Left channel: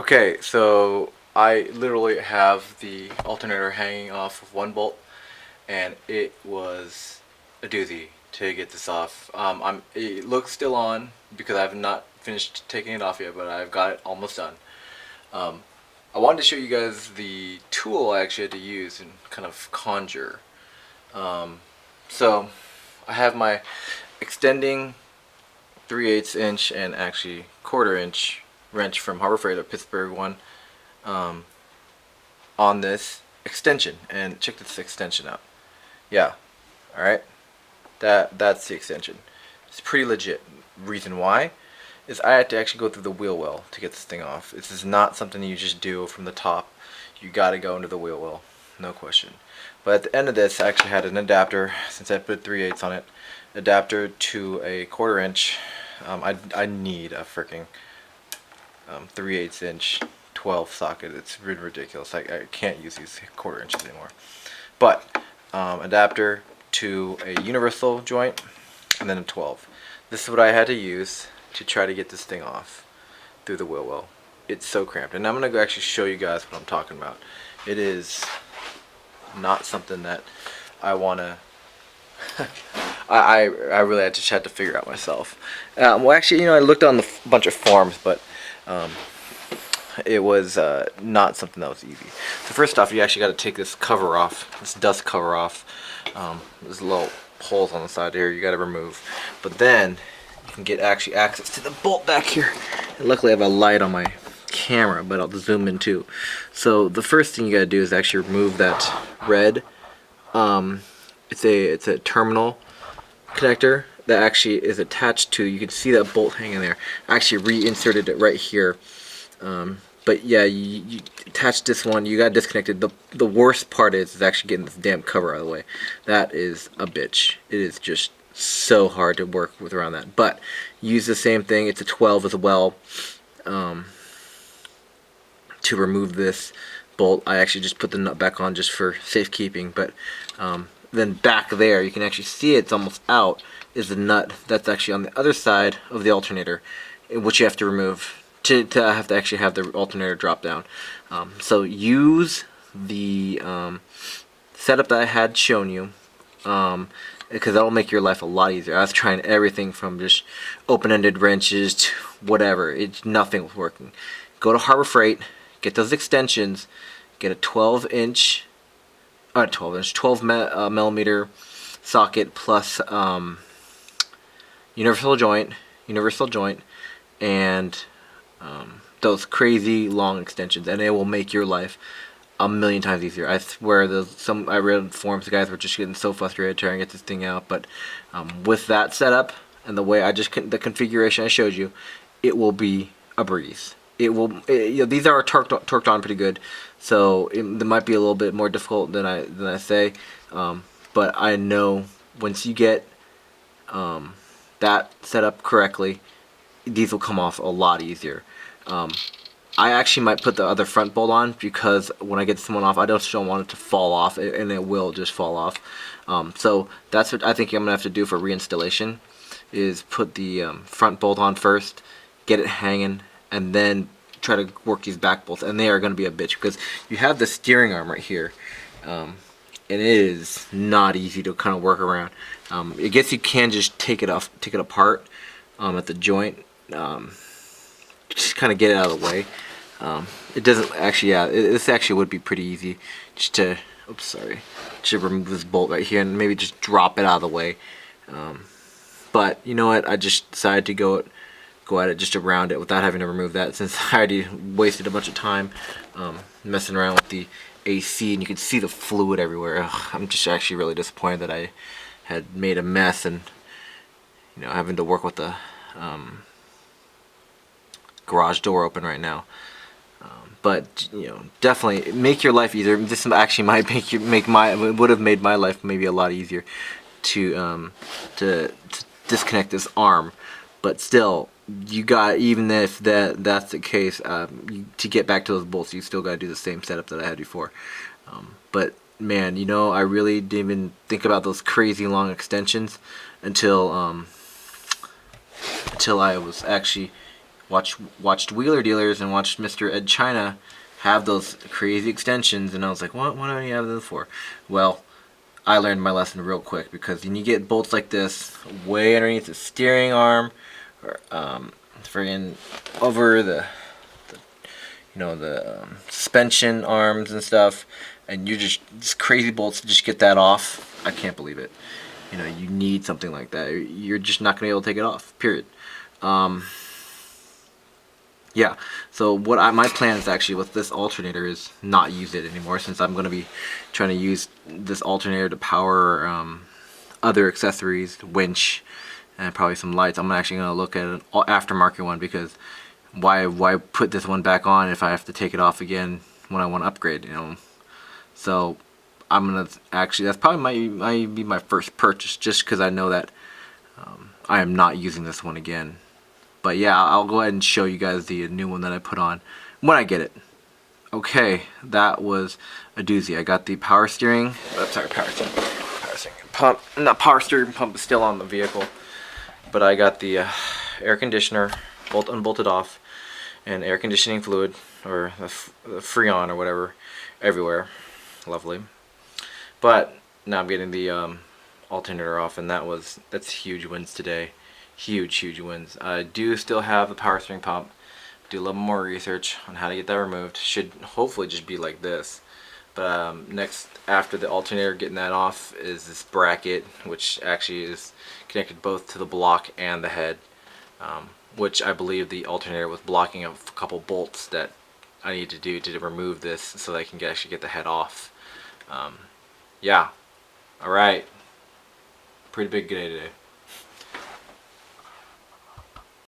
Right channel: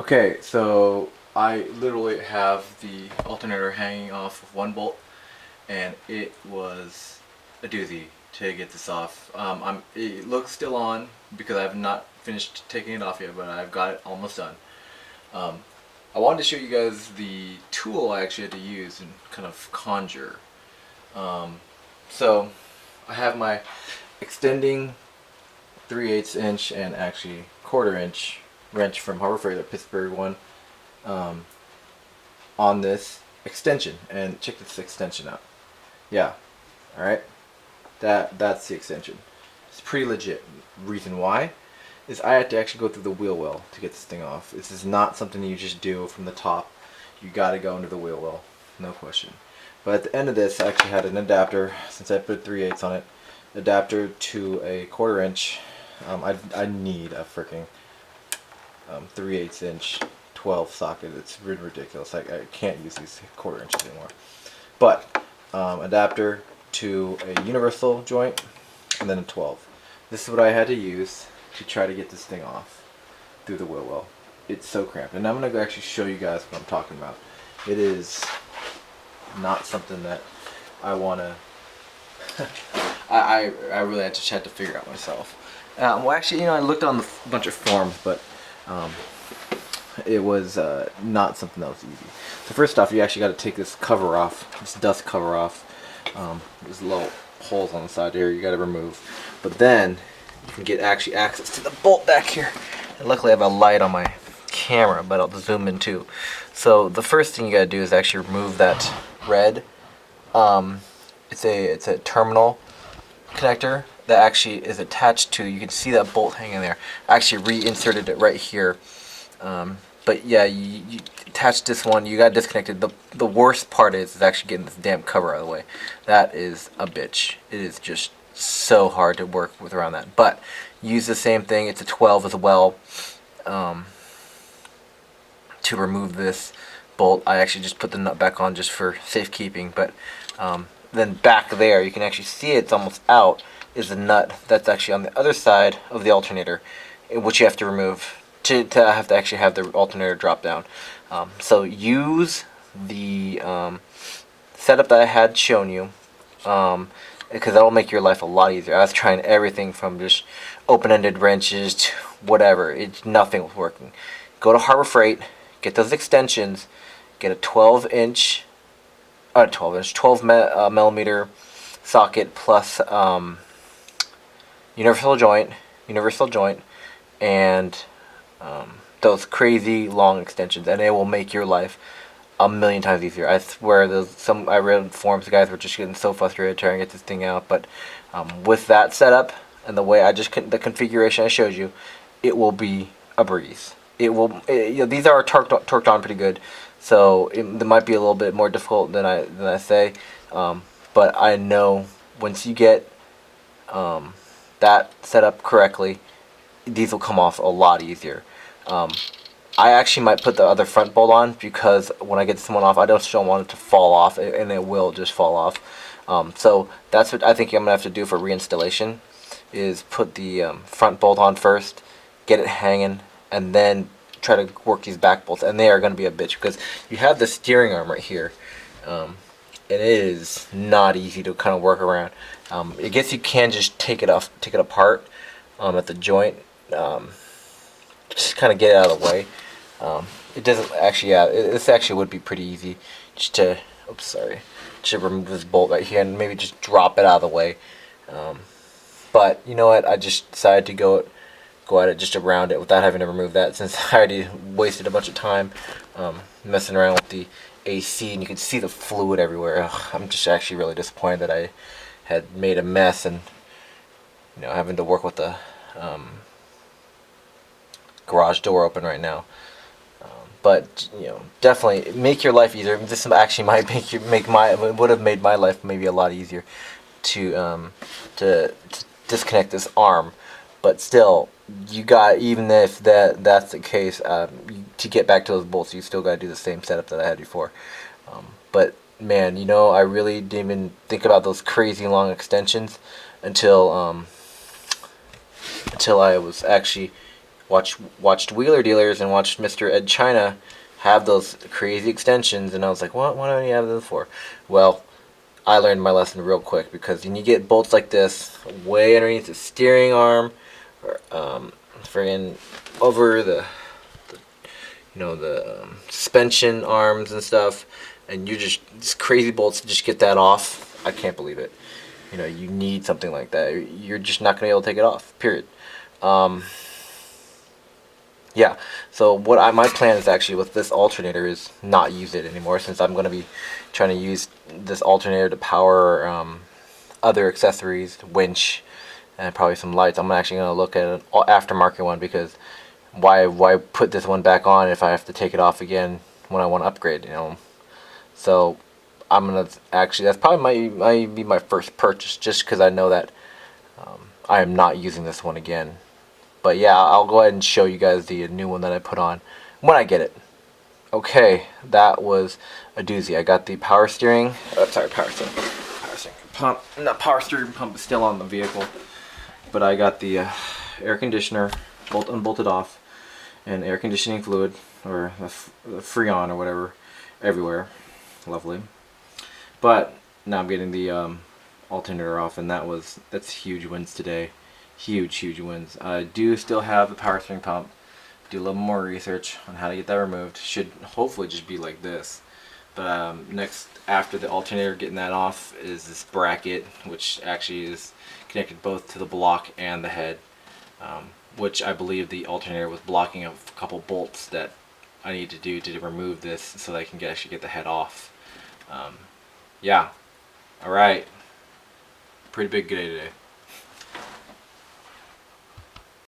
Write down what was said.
Okay, so I literally have the alternator hanging off of one bolt, and it was a doozy to get this off. It looks still on because I have not finished taking it off yet, but I've got it almost done. Um, I wanted to show you guys the tool I actually had to use and kind of conjure. Um, so I have my extending 3/8 inch and actually 1/4 inch wrench from Harbor Freight, a Pittsburgh one, um, on this extension. And check this extension out. Yeah, all right. That's the extension. It's pretty legit. Reason why is I had to actually go through the wheel well to get this thing off. This is not something you just do from the top. You got to go into the wheel well, no question. But at the end of this, I actually had an adapter, since I put 3/8 on it, adapter to a 1/4 inch. I need a freaking 3/8 inch 12 socket. It's ridiculous. I can't use these 1/4 inches anymore. But adapter to a universal joint and then a 12. This is what I had to use to try to get this thing off through the wheel well. It's so cramped, and I'm gonna actually show you guys what I'm talking about. It is not something that I wanna. I really had to figure out myself. Well, actually, I looked on the bunch of forums, but it was not something that was easy. So first off, you actually got to take this cover off, this dust cover off. There's little holes on the side here you got to remove. But then you can get actually access to the bolt back here. And luckily, I have a light on my camera, but I'll zoom in too. So the first thing you got to do is actually remove that red. It's a terminal connector that actually is attached to. You can see that bolt hanging there. I actually reinserted it right here. But yeah, you attach this one, you got disconnected. The worst part is actually getting this damn cover out of the way. That is a bitch. It is just so hard to work with around that. But use the same thing. It's a 12 as well. To remove this bolt, I actually just put the nut back on just for safekeeping. But then back there, you can actually see it's almost out, is the nut that's actually on the other side of the alternator, which you have to remove to have to actually have the alternator drop down. So use the setup that I had shown you, because that'll make your life a lot easier. I was trying everything from just open-ended wrenches to whatever. Nothing was working. Go to Harbor Freight, get those extensions, get a 12 millimeter socket plus universal joint, and those crazy long extensions, and it will make your life a million times easier. I swear, I read forums, the guys were just getting so frustrated trying to get this thing out. But with that setup and the way the configuration I showed you, it will be a breeze. These are torqued on pretty good, so they might be a little bit more difficult than I say. But I know once you get that set up correctly, these will come off a lot easier. I actually might put the other front bolt on, because when I get this one off, I just don't want it to fall off, and it will just fall off. So that's what I think I'm gonna have to do for reinstallation, is put the front bolt on first, get it hanging, and then try to work these back bolts. And they are gonna be a bitch, because you have the steering arm right here, and it is not easy to kind of work around. I guess you can just take it apart at the joint. Just kind of get it out of the way. It doesn't actually, this actually would be pretty easy just to, just remove this bolt right here and maybe just drop it out of the way. But you know what, I just decided to go at it just around it without having to remove that, since I already wasted a bunch of time messing around with the AC, and you can see the fluid everywhere. I'm just actually really disappointed that I had made a mess, and having to work with the garage door open right now. But definitely make your life easier. This actually might would have made my life maybe a lot easier to disconnect this arm. But still, even if that's the case, to get back to those bolts, you still got to do the same setup that I had before. But man, I really didn't even think about those crazy long extensions until I was actually watched Wheeler Dealers and watched Mr. Ed China have those crazy extensions, and I was like, what do you have those for? Well, I learned my lesson real quick, because when you get bolts like this way underneath the steering arm, or friggin' over the suspension arms and stuff, and you just, these crazy bolts, just get that off. I can't believe it. You need something like that. You're just not gonna be able to take it off. Period. Yeah. So my plan is actually with this alternator is not use it anymore, since I'm gonna be trying to use this alternator to power other accessories, winch, and probably some lights. I'm actually gonna look at an aftermarket one, because why put this one back on if I have to take it off again when I want to upgrade? So I'm gonna actually, that's probably might be my first purchase, just because I know that I am not using this one again. But yeah, I'll go ahead and show you guys the new one that I put on when I get it. Okay, that was a doozy. I got the power steering. Sorry, power steering pump. Not power steering pump is still on the vehicle, but I got the air conditioner unbolted off, and air conditioning fluid, or the Freon or whatever, everywhere. Lovely. But now I'm getting the alternator off, and that's huge wins today. Huge wins. I do still have the power steering pump. Do a little more research on how to get that removed. Should hopefully just be like this. But next, after the alternator, getting that off, is this bracket, which actually is connected both to the block and the head, which I believe the alternator was blocking a couple bolts that I need to do to remove this, so that I can actually get the head off. Yeah. Alright. Pretty big day today.